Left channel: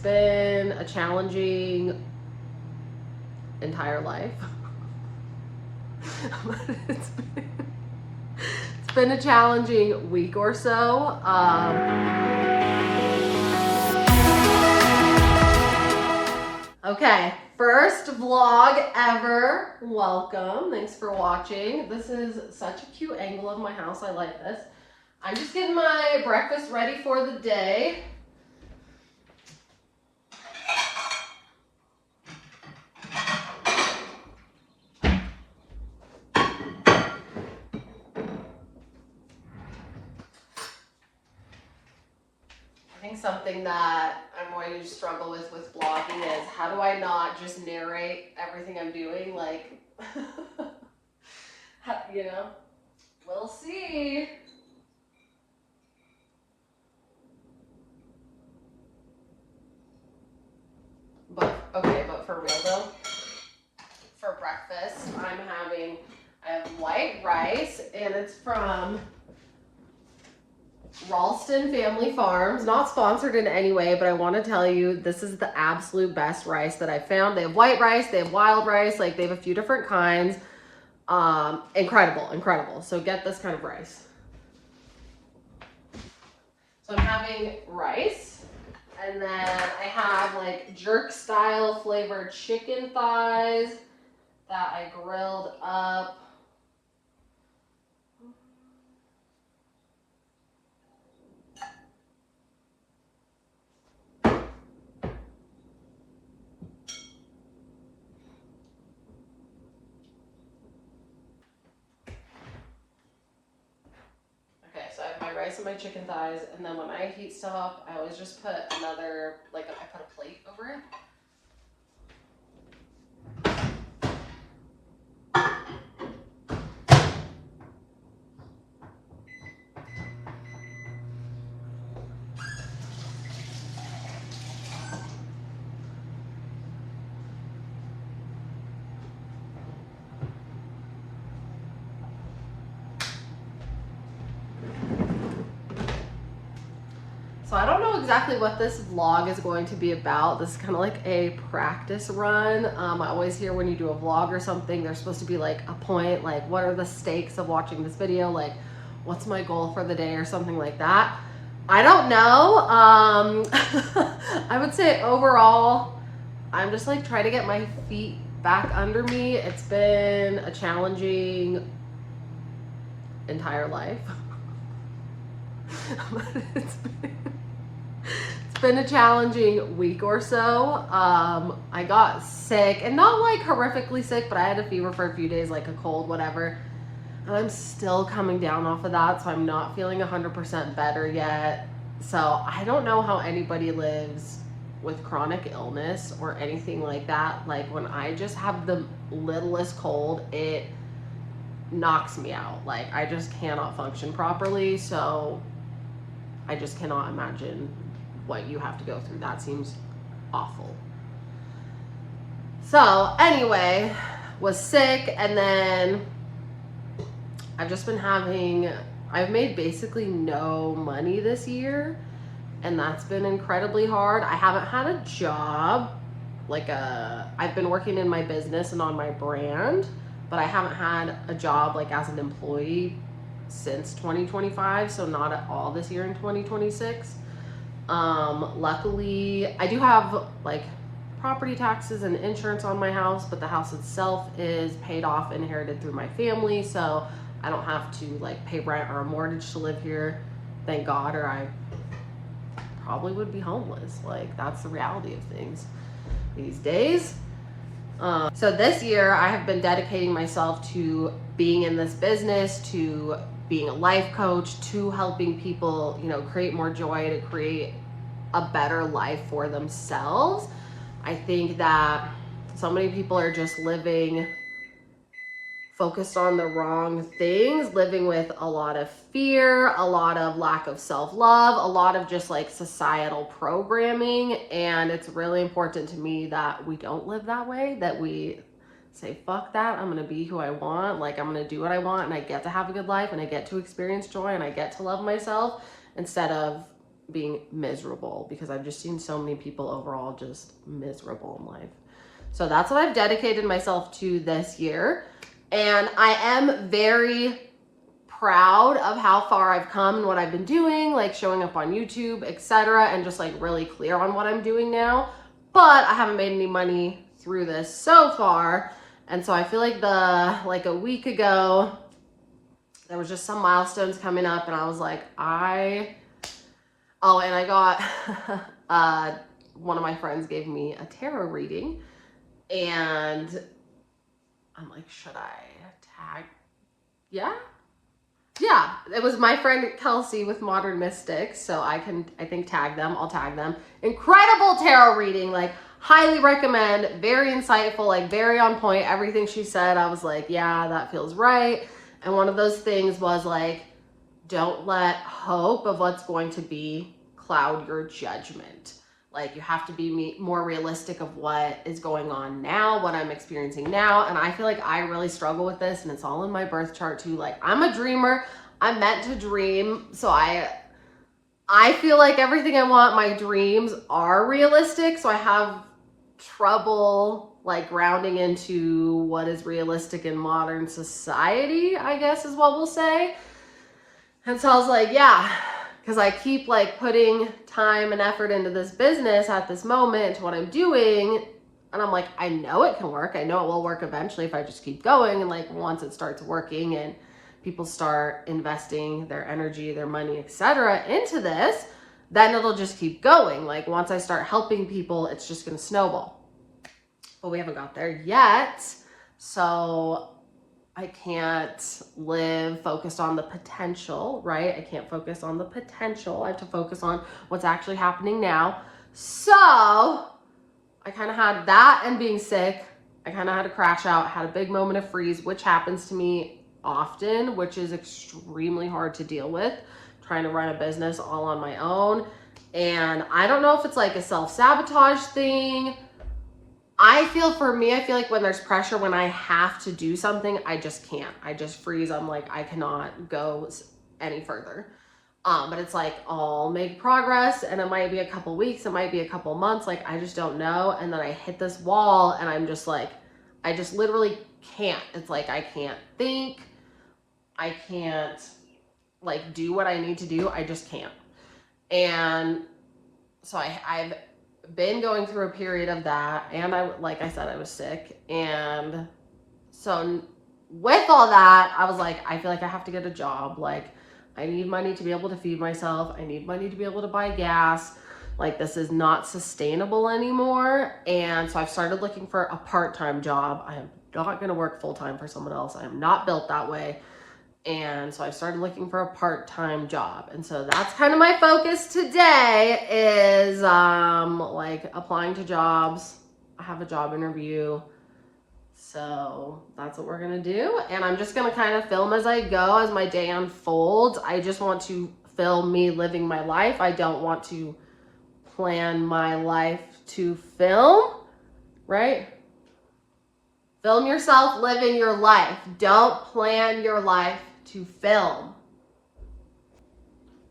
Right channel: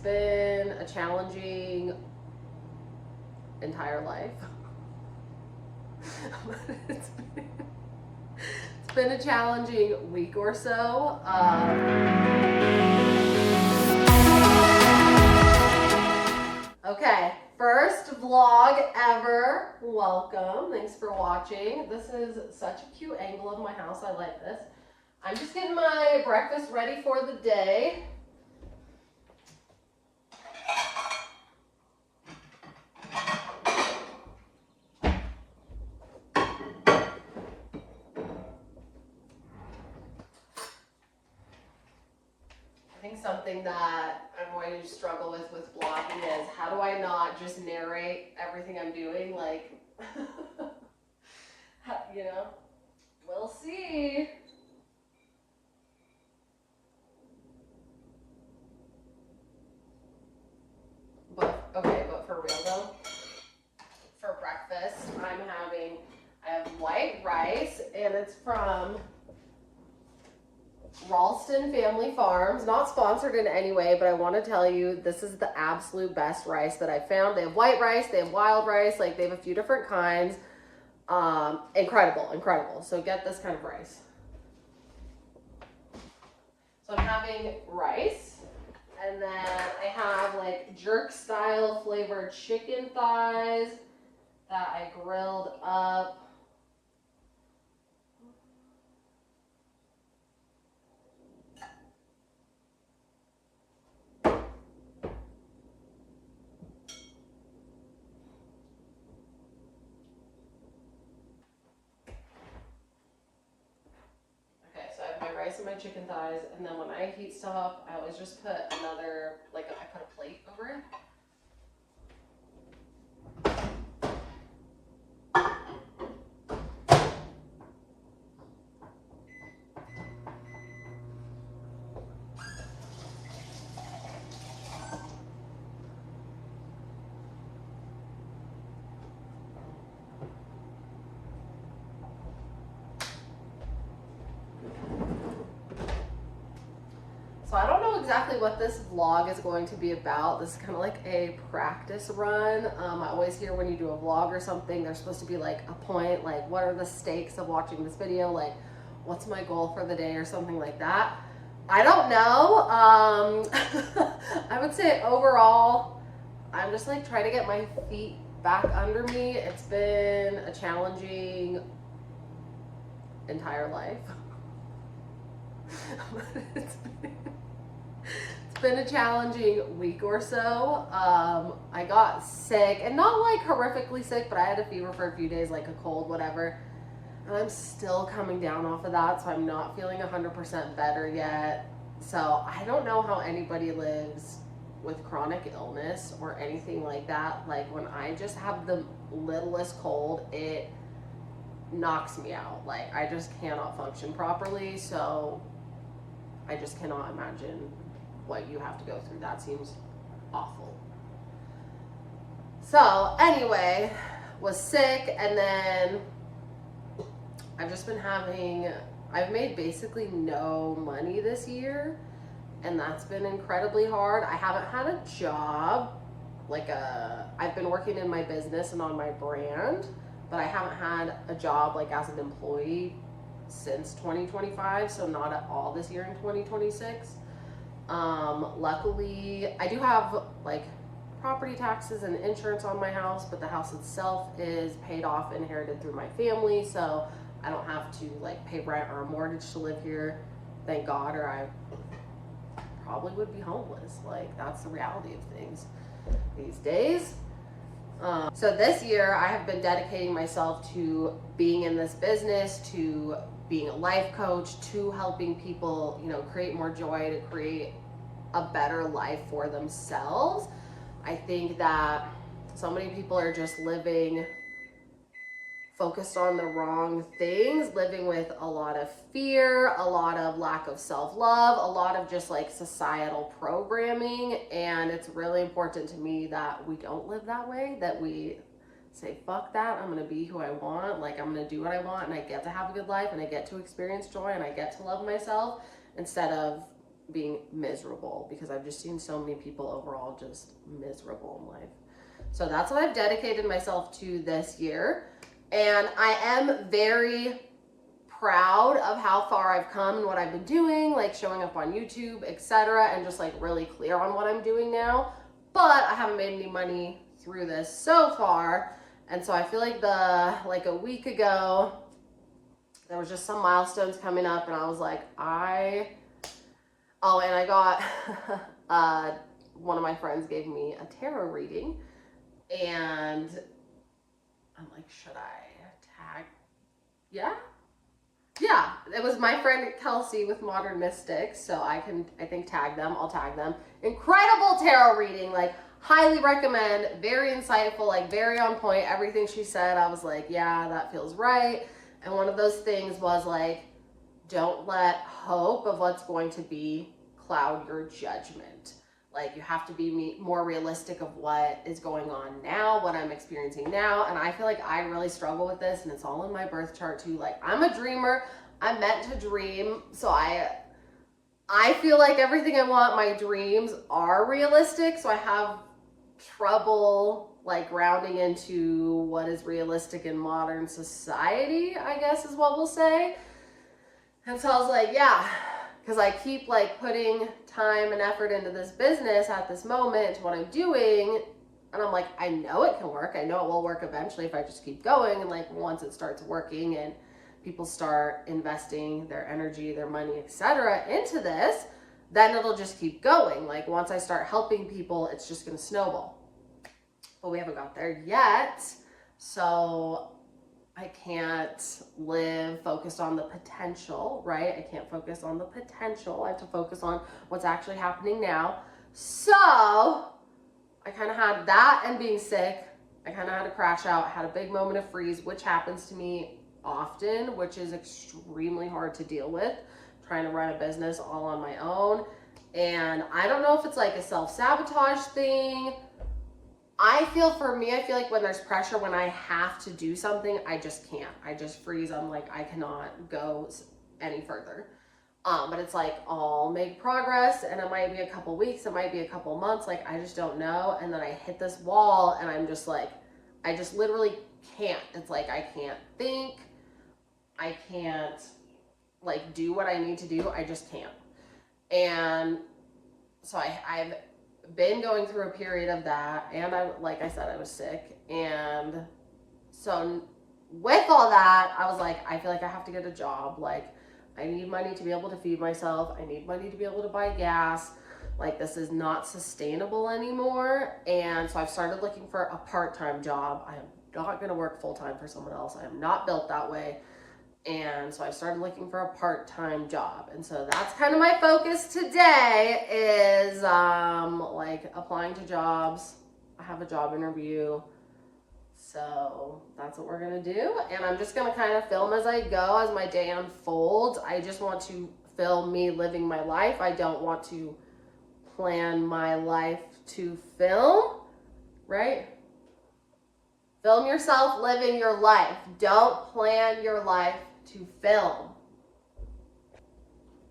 been a challenging entire life. it's been a challenging week or so. Okay, first vlog ever. Welcome. Thanks for watching. This is such a cute angle of my house. I like this. I'm just getting my breakfast ready for the day. I think something that I'm going to struggle with vlogging is how do I not just narrate everything I'm doing, like, you know, we'll see. But for real though, for breakfast, I have white rice, and it's from Ralston Family Farms. Not sponsored in any way, but I want to tell you, this is the absolute best rice that I found. They have white rice, they have wild rice, like they have a few different kinds. Incredible. So get this kind of rice. So I'm having rice, and then I have like jerk style flavored chicken thighs that I grilled up. Rice and my chicken thighs, and then when I heat stuff up, I always just put another, like I put a plate over it. So I don't know exactly what this vlog is going to be about. This is kind of like a practice run. I always hear when you do a vlog or something, there's supposed to be like a point, like what are the stakes of watching this video? Like what's my goal for the day or something like that. I don't know. I would say overall, I'm just like trying to get my feet back under me. It's been a challenging entire life. It's been a challenging week or so. I got sick, and not like horrifically sick, but I had a fever for a few days, like a cold, whatever. And I'm still coming down off of that, so I'm not feeling 100% better yet. So I don't know how anybody lives with chronic illness or anything like that. Like when I just have the littlest cold, it knocks me out. Like I just cannot function properly. So I just cannot imagine what you have to go through. That seems awful. So anyway, was sick, and then I've just been I've made basically no money this year, and that's been incredibly hard. I haven't had a job, I've been working in my business and on my brand, but I haven't had a job like as an employee since 2025, so not at all this year in 2026. Luckily, I do have like property taxes and insurance on my house, but the house itself is paid off, inherited through my family, so I don't have to like pay rent or a mortgage to live here, thank God, or I probably would be homeless. Like that's the reality of things these days. So this year I have been dedicating myself to being in this business, to being a life coach, to helping people, you know, create more joy, to create a better life for themselves. I think that so many people are just living focused on the wrong things, living with a lot of fear, a lot of lack of self-love, a lot of just like societal programming. And it's really important to me that we don't live that way, that we say, fuck that, I'm gonna be who I want, like I'm gonna do what I want, and I get to have a good life, and I get to experience joy, and I get to love myself, instead of being miserable, because I've just seen so many people overall just miserable in life. So that's what I've dedicated myself to this year. And I am very proud of how far I've come and what I've been doing, like showing up on YouTube, etc., and just like really clear on what I'm doing now. But I haven't made any money through this so far. And so I feel like a week ago, there was just some milestones coming up, and I was like, oh, and I got, one of my friends gave me a tarot reading, and I'm like, should I tag? Yeah, it was my friend Kelsey with Modern Mystics, so I think tag them. I'll tag them. Incredible tarot reading, like highly recommend, very insightful, like very on point. Everything she said, I was like, yeah, that feels right. And one of those things was like, don't let hope of what's going to be cloud your judgment. Like, you have to be more realistic of what is going on now, what I'm experiencing now. And I feel like I really struggle with this, and it's all in my birth chart too. Like, I'm a dreamer. I'm meant to dream. So I feel like everything I want, my dreams are realistic. So I have trouble like grounding into what is realistic in modern society, I guess is what we'll say. And so I was like, yeah, because I keep like putting time and effort into this business at this moment, to what I'm doing. And I'm like, I know it can work. I know it will work eventually if I just keep going. And like, once it starts working and people start investing their energy, their money, etc., into this, then it'll just keep going. Like, once I start helping people, it's just going to snowball. But we haven't got there yet. So I can't live focused on the potential, right? I can't focus on the potential. I have to focus on what's actually happening now. So I kind of had that, and being sick, I kind of had to crash out, had a big moment of freeze, which happens to me often, which is extremely hard to deal with, trying to run a business all on my own. And I don't know if it's like a self-sabotage thing. I feel like when there's pressure, when I have to do something, I just can't. I just freeze. I'm like, I cannot go any further. But it's like, I'll make progress, and it might be a couple weeks, it might be a couple months, like I just don't know. And then I hit this wall, and I'm just like, I just literally can't. It's like, I can't think. I can't like do what I need to do. I just can't. And so I've been going through a period of that, and like I said, I was sick. And so with all that, I was like, I feel like I have to get a job. Like, I need money to be able to feed myself. I need money to be able to buy gas. Like, this is not sustainable anymore. And so I've started looking for a part-time job. I am not going to work full-time for someone else. I am not built that way. And so I started looking for a part-time job. And so that's kind of my focus today, is like applying to jobs. I have a job interview. So that's what we're going to do. And I'm just going to kind of film as I go, as my day unfolds. I just want to film me living my life. I don't want to plan my life to film, right? Film yourself living your life. Don't plan your life to film.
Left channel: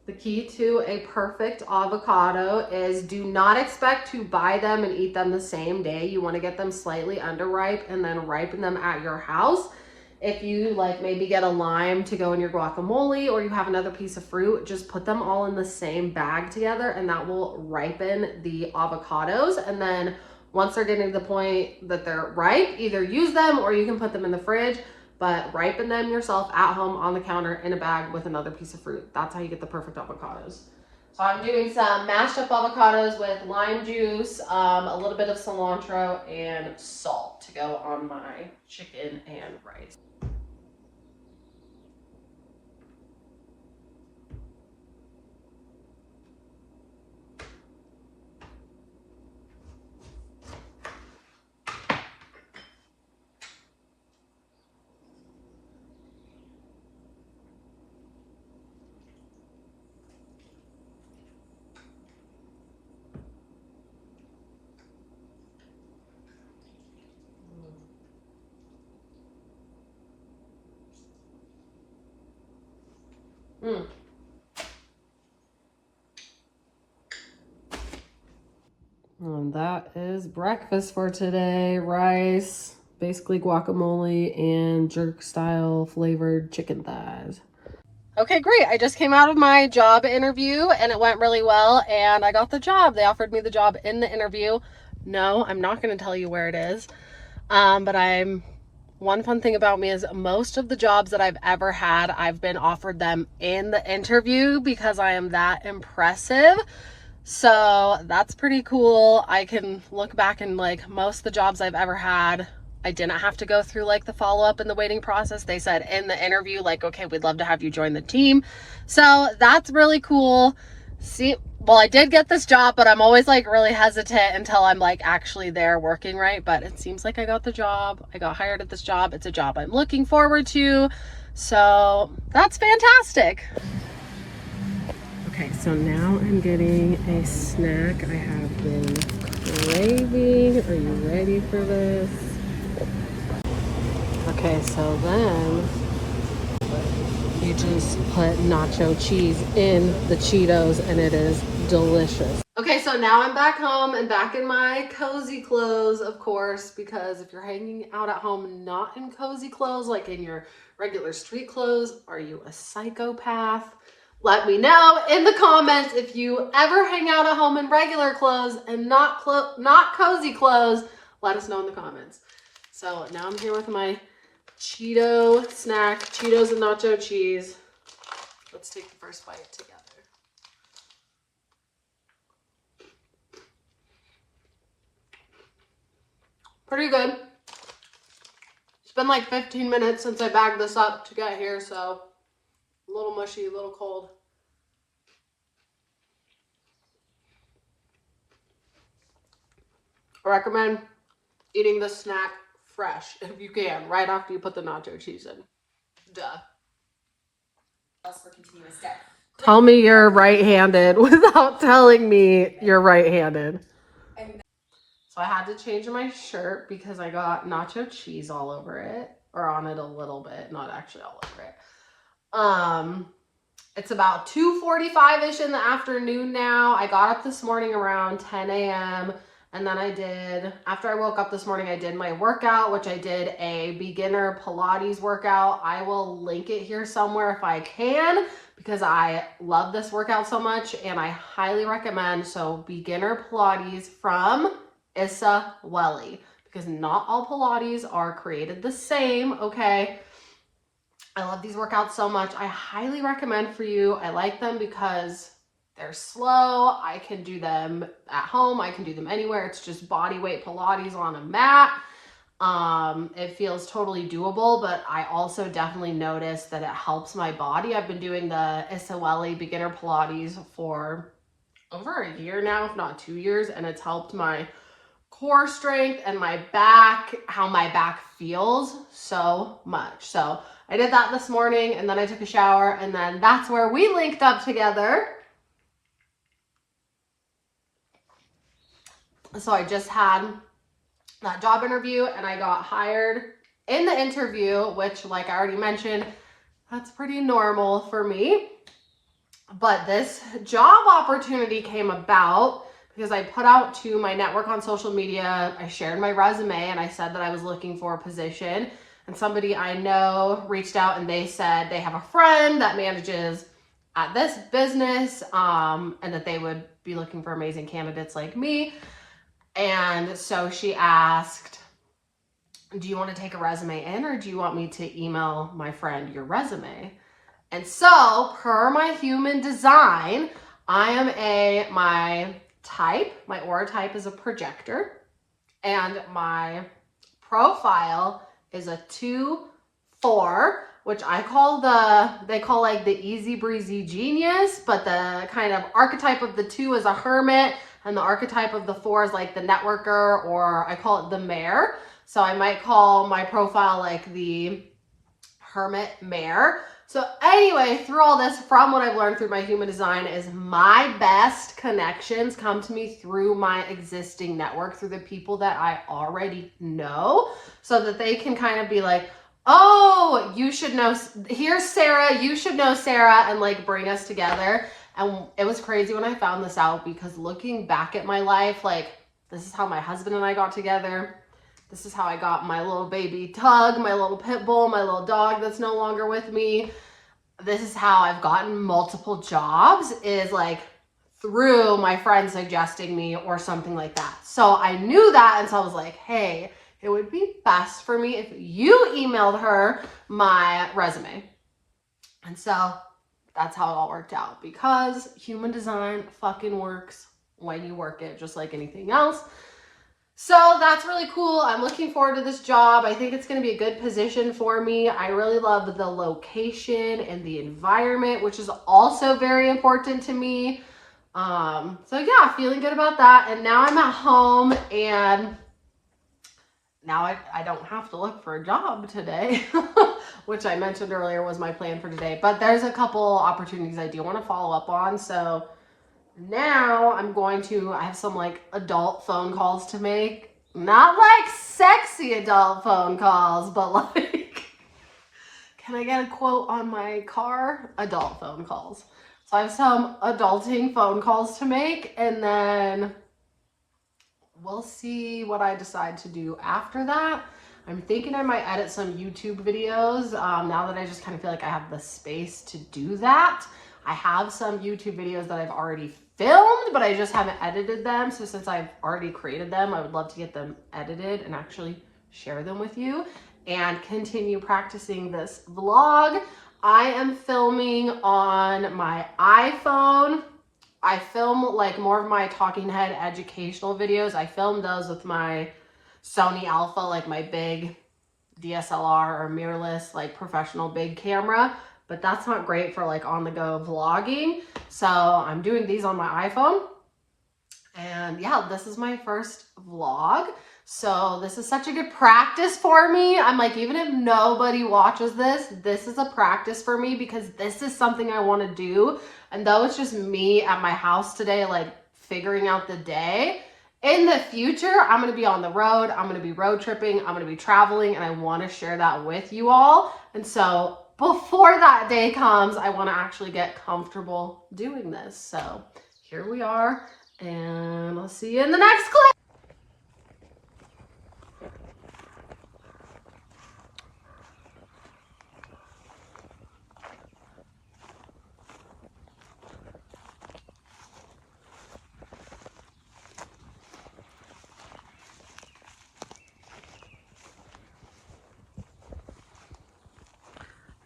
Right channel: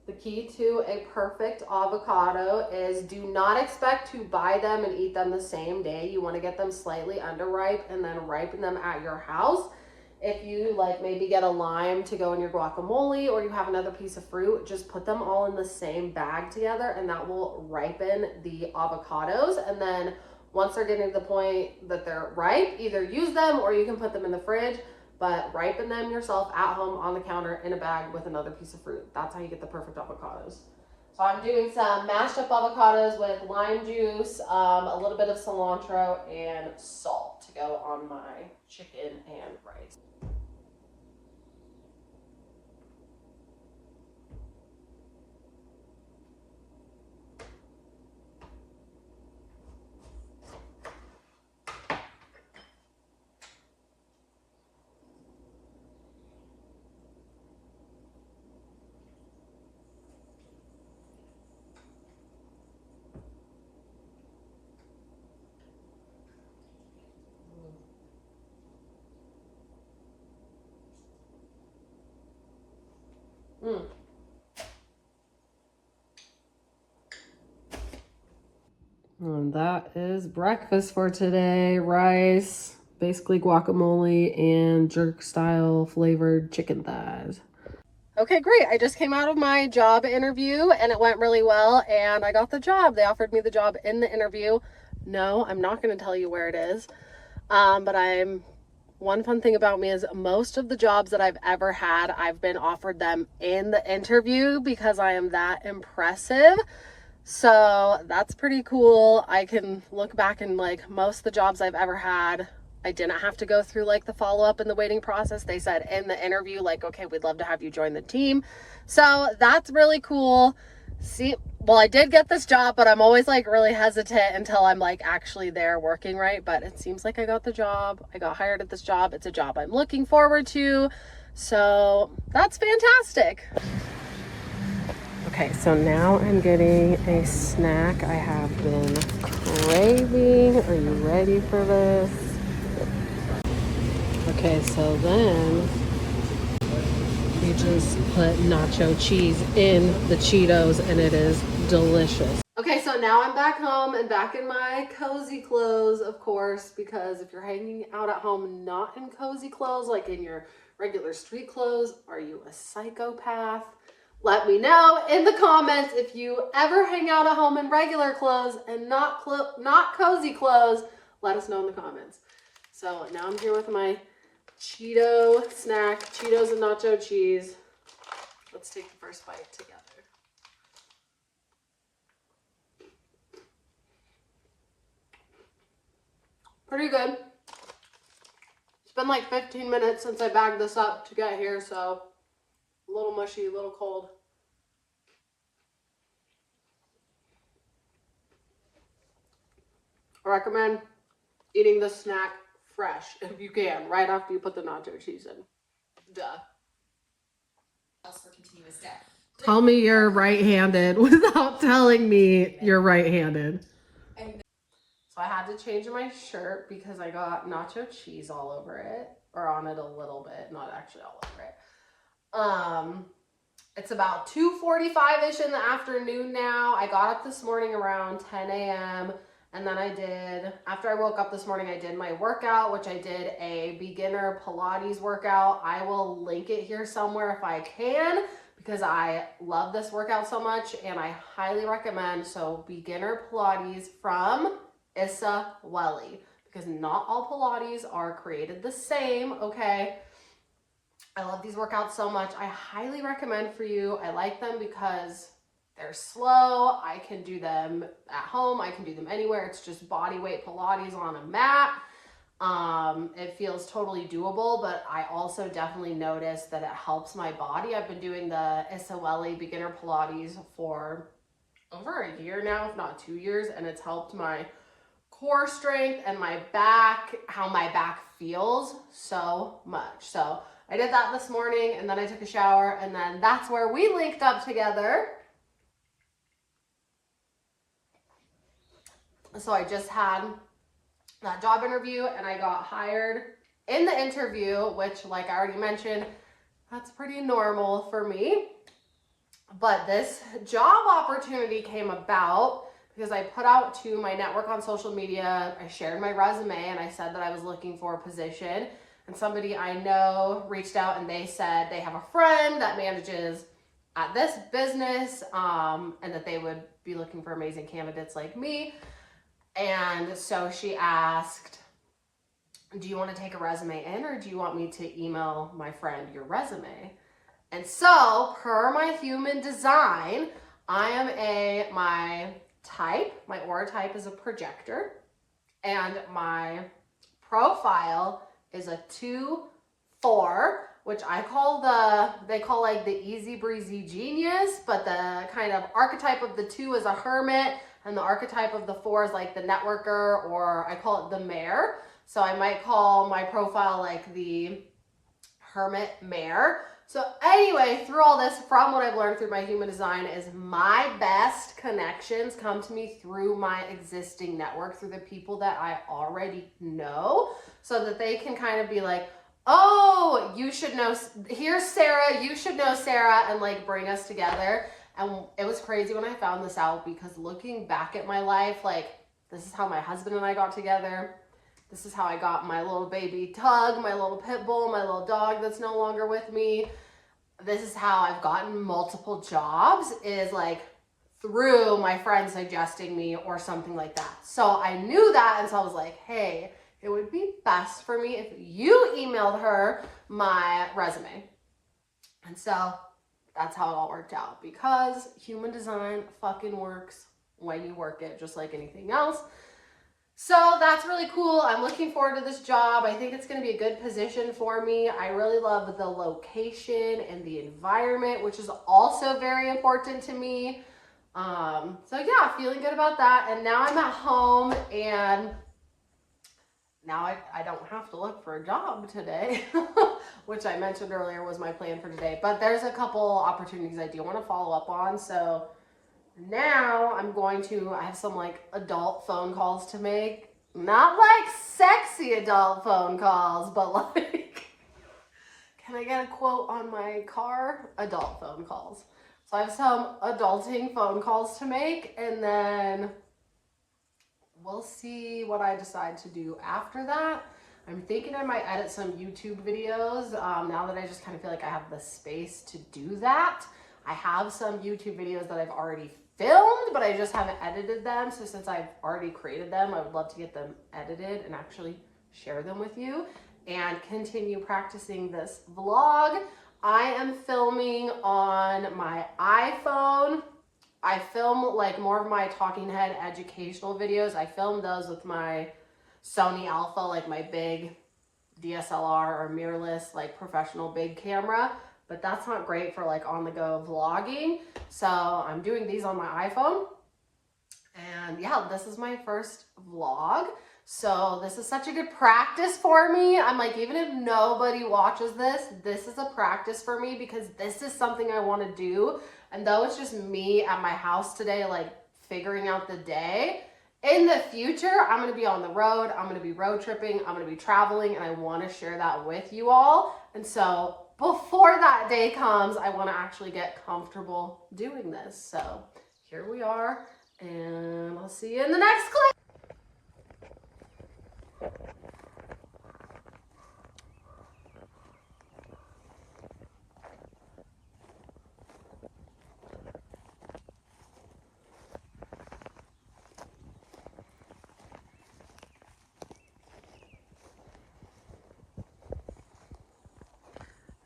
The key to a perfect avocado is, do not expect to buy them and eat them the same day. You want to get them slightly underripe and then ripen them at your house. If you like maybe get a lime to go in your guacamole, or you have another piece of fruit, just put them all in the same bag together, and that will ripen the avocados. And then once they're getting to the point that they're ripe, either use them or you can put them in the fridge, but ripen them yourself at home on the counter in a bag with another piece of fruit. That's how you get the perfect avocados. So I'm doing some mashed up avocados with lime juice, a little bit of cilantro, and salt to go on my chicken and rice. And that is breakfast for today. Rice, basically guacamole, and jerk style flavored chicken thighs. Okay, great. I just came out of my job interview and it went really well and I got the job. They offered me the job in the interview. No, I'm not going to tell you where it is. But one fun thing about me is most of the jobs that I've ever had, I've been offered them in the interview because I am that impressive. So that's pretty cool. I can look back and like most of the jobs I've ever had, I didn't have to go through like the follow-up and the waiting process. They said in the interview, like, okay, we'd love to have you join the team. So that's really cool. Well, I did get this job, but I'm always like really hesitant until I'm like actually there working, right? But it seems like I got the job. I got hired at this job. It's a job I'm looking forward to. So that's fantastic. Okay, so now I'm getting a snack I have been craving. Are you ready for this? Okay, so then you just put nacho cheese in the Cheetos and it is delicious. Okay, so now I'm back home and back in my cozy clothes, of course, because if you're hanging out at home not in cozy clothes, like in your regular street clothes, are you a psychopath? Let me know in the comments if you ever hang out at home in regular clothes and not cozy clothes. Let us know in the comments. So now I'm here with my Cheeto snack, Cheetos and nacho cheese. Let's take the first bite together. Pretty good. It's been like 15 minutes since I bagged this up to get here, so a little mushy, a little cold. I recommend eating this snack fresh, if you can, right after you put the nacho cheese in. Duh. Tell me you're right-handed without telling me you're right-handed. So I had to change my shirt because I got nacho cheese all over it, or on it a little bit, not actually all over it. It's about 2:45-ish in the afternoon now. I got up this morning around 10 a.m. and then after I woke up this morning, I did my workout, which I did a beginner Pilates workout. I will link it here somewhere if I can, because I love this workout so much and I highly recommend. So beginner Pilates from Issa Welly, because not all Pilates are created the same, okay? I love these workouts so much. I highly recommend for you. I like them because they're slow. I can do them at home. I can do them anywhere. It's just body weight Pilates on a mat. It feels totally doable, but I also definitely notice that it helps my body. I've been doing the Issa Welly beginner Pilates for over a year now, if not 2 years, and it's helped my core strength and my back, how my back feels so much. So I did that this morning and then I took a shower and then that's where we linked up together. So I just had that job interview and I got hired in the interview, which, like I already mentioned, that's pretty normal for me. But this job opportunity came about because I put out to my network on social media, I shared my resume and I said that I was looking for a position, and somebody I know reached out and they said they have a friend that manages at this business, and that they would be looking for amazing candidates like me. And so she asked, do you want to take a resume in or do you want me to email my friend your resume? And so per my human design, my aura type is a projector, and my profile is a 2-4, which they call like the easy breezy genius, but the kind of archetype of the 2 is a hermit, and the archetype of the 4 is like the networker, or I call it the mayor. So I might call my profile like the hermit mayor. So anyway, through all this, from what I've learned through my human design, is my best connections come to me through my existing network, through the people that I already know, so that they can kind of be like, oh, you should know, here's Sarah, you should know Sarah, and like bring us together. And it was crazy when I found this out, because looking back at my life, like This is how my husband and I got together. This is how I got my little baby Tug, my little pit bull, my little dog that's no longer with me. This is how I've gotten multiple jobs, is like through my friend suggesting me or something like that. So I knew that, and so I was like, hey, it would be best for me if you emailed her my resume. And so that's how it all worked out, because human design fucking works when you work it, just like anything else. So that's really cool. I'm looking forward to this job. I think it's going to be a good position for me. I really love the location and the environment, which is also very important to me. So yeah, feeling good about that. And now I'm at home, and now I don't have to look for a job today, which I mentioned earlier was my plan for today. But there's a couple opportunities I do want to follow up on. So now I have some like adult phone calls to make. Not like sexy adult phone calls, but like, can I get a quote on my car? Adult phone calls. So I have some adulting phone calls to make, and then we'll see what I decide to do after that. I'm thinking I might edit some YouTube videos now that I just kind of feel like I have the space to do that. I have some YouTube videos that I've already filmed, but I just haven't edited them. So since I've already created them, I would love to get them edited and actually share them with you and continue practicing this vlog. I am filming on my iPhone. I film like more of my talking head educational videos. I film those with my Sony Alpha, like my big DSLR or mirrorless, like professional big camera. But that's not great for like on the go vlogging. So I'm doing these on my iPhone. And yeah, this is my first vlog. So this is such a good practice for me. I'm like, even if nobody watches this, this is a practice for me, because this is something I want to do. And though it's just me at my house today, like figuring out the day, in the future, I'm going to be on the road. I'm going to be road tripping. I'm going to be traveling, and I want to share that with you all. And so before that day comes, I want to actually get comfortable doing this. So here we are, and I'll see you in the next clip.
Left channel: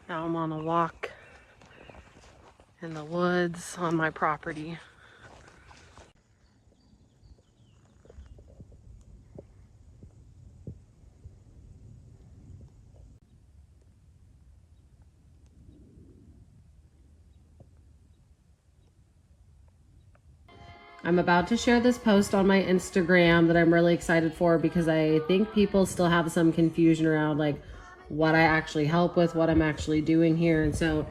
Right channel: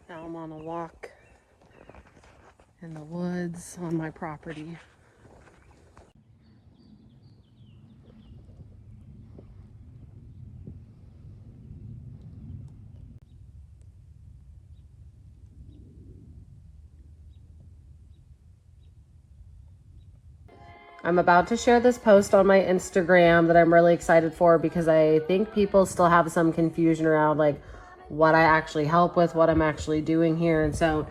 Now I'm on a walk in the woods on my property. I'm about to share this post on my Instagram that I'm really excited for, because I think people still have some confusion around like what I actually help with, what I'm actually doing here. And so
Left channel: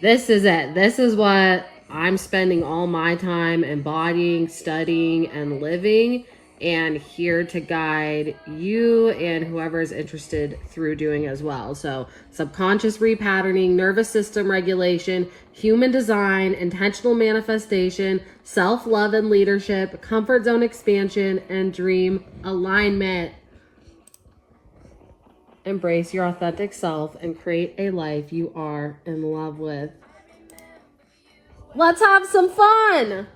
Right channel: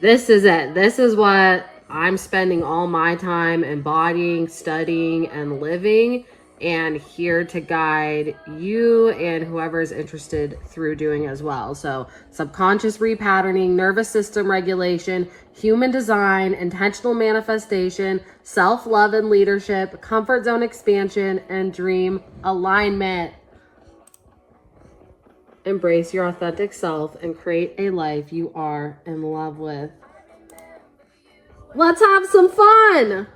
this is it. This is what I'm spending all my time embodying, studying, and living, and here to guide you and whoever is interested through doing as well. So subconscious repatterning, nervous system regulation, human design, intentional manifestation, self-love and leadership, comfort zone expansion, and dream alignment. Embrace your authentic self and create a life you are in love with. Let's have some fun!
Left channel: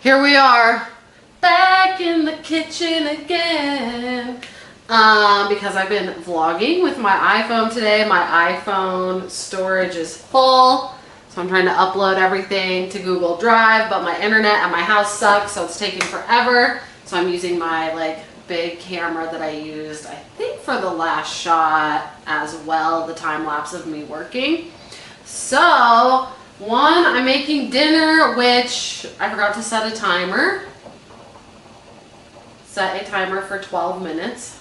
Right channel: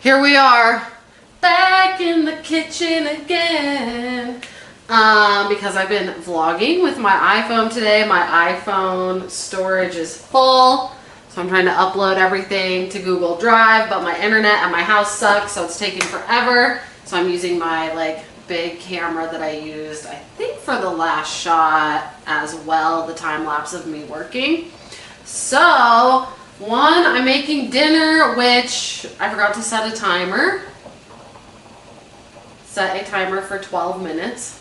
Here we are, back in the kitchen again. Because I've been vlogging with my iPhone today. My iPhone storage is full, so I'm trying to upload everything to Google Drive, but my internet at my house sucks, so it's taking forever. So I'm using my like big camera that I used, I think, for the last shot as well, the time lapse of me working. So one, I'm making dinner, which I forgot to set a timer. Set a timer for 12 minutes.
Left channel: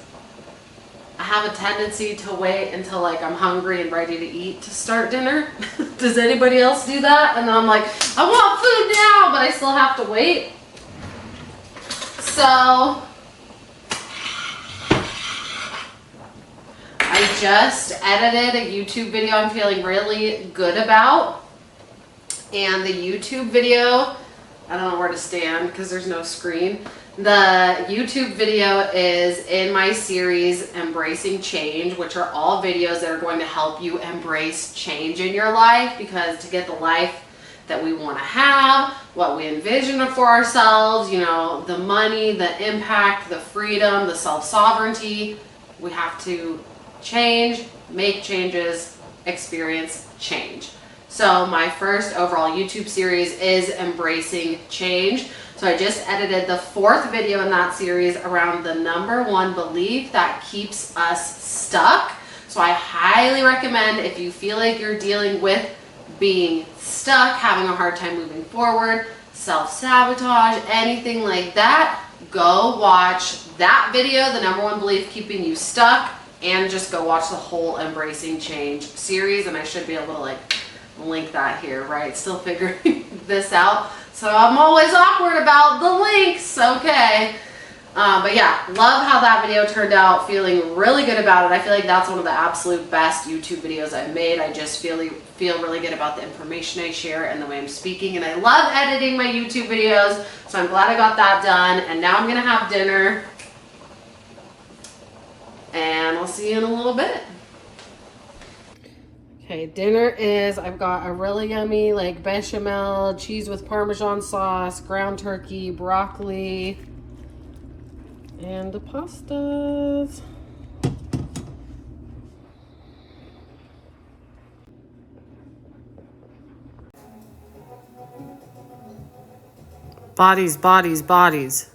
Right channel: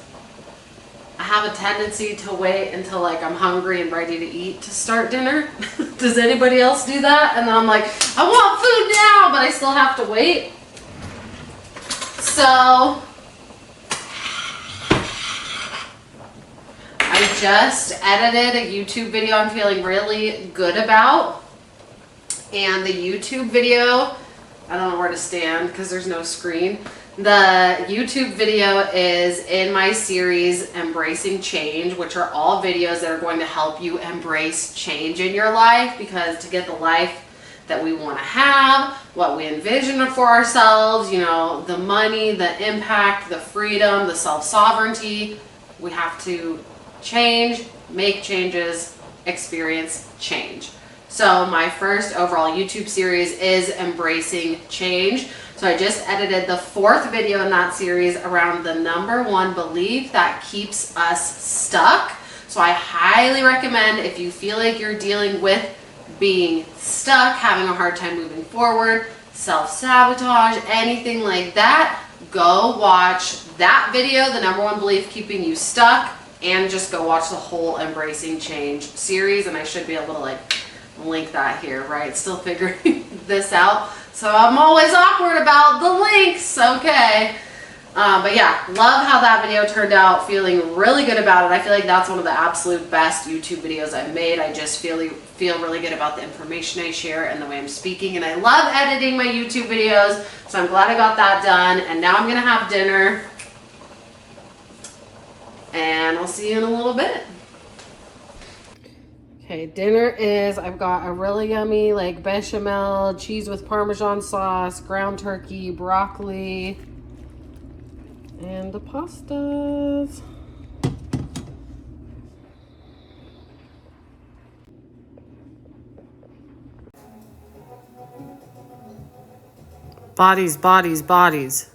I have a tendency to wait until like I'm hungry and ready to eat to start dinner. Does anybody else do that? And then I'm like, I want food now, but I still have to wait. So I just edited a YouTube video I'm feeling really good about. And the YouTube video, I don't know where to stand because there's no screen. The YouTube video is in my series Embracing Change, which are all videos that are going to help you embrace change in your life, because to get the life that we want to have, what we envision for ourselves, you know, the money, the impact, the freedom, the self-sovereignty, we have to change, make changes, experience change. So my first overall YouTube series is Embracing Change. So I just edited the 4th video in that series around the #1 belief that keeps us stuck. So I highly recommend, if you feel like you're dealing with being stuck, having a hard time moving forward, self-sabotage, anything like that, go watch that video, the #1 belief keeping you stuck, and just go watch the whole Embracing Change series. And I should be able to like link that here, right? Still figuring this out, so I'm always awkward about the links. Okay, but yeah, love how that video turned out. Feeling really good about it. I feel like that's one of the absolute best YouTube videos I've made. I just feel really good about the information I share and the way I'm speaking, and I love editing my YouTube videos, so I'm glad I got that done. And now I'm gonna have dinner, and I'll see you in a little bit. Okay, dinner is, I've got a really yummy like bechamel, cheese with Parmesan sauce, ground turkey, broccoli, and the pastas. Bodies, bodies, bodies.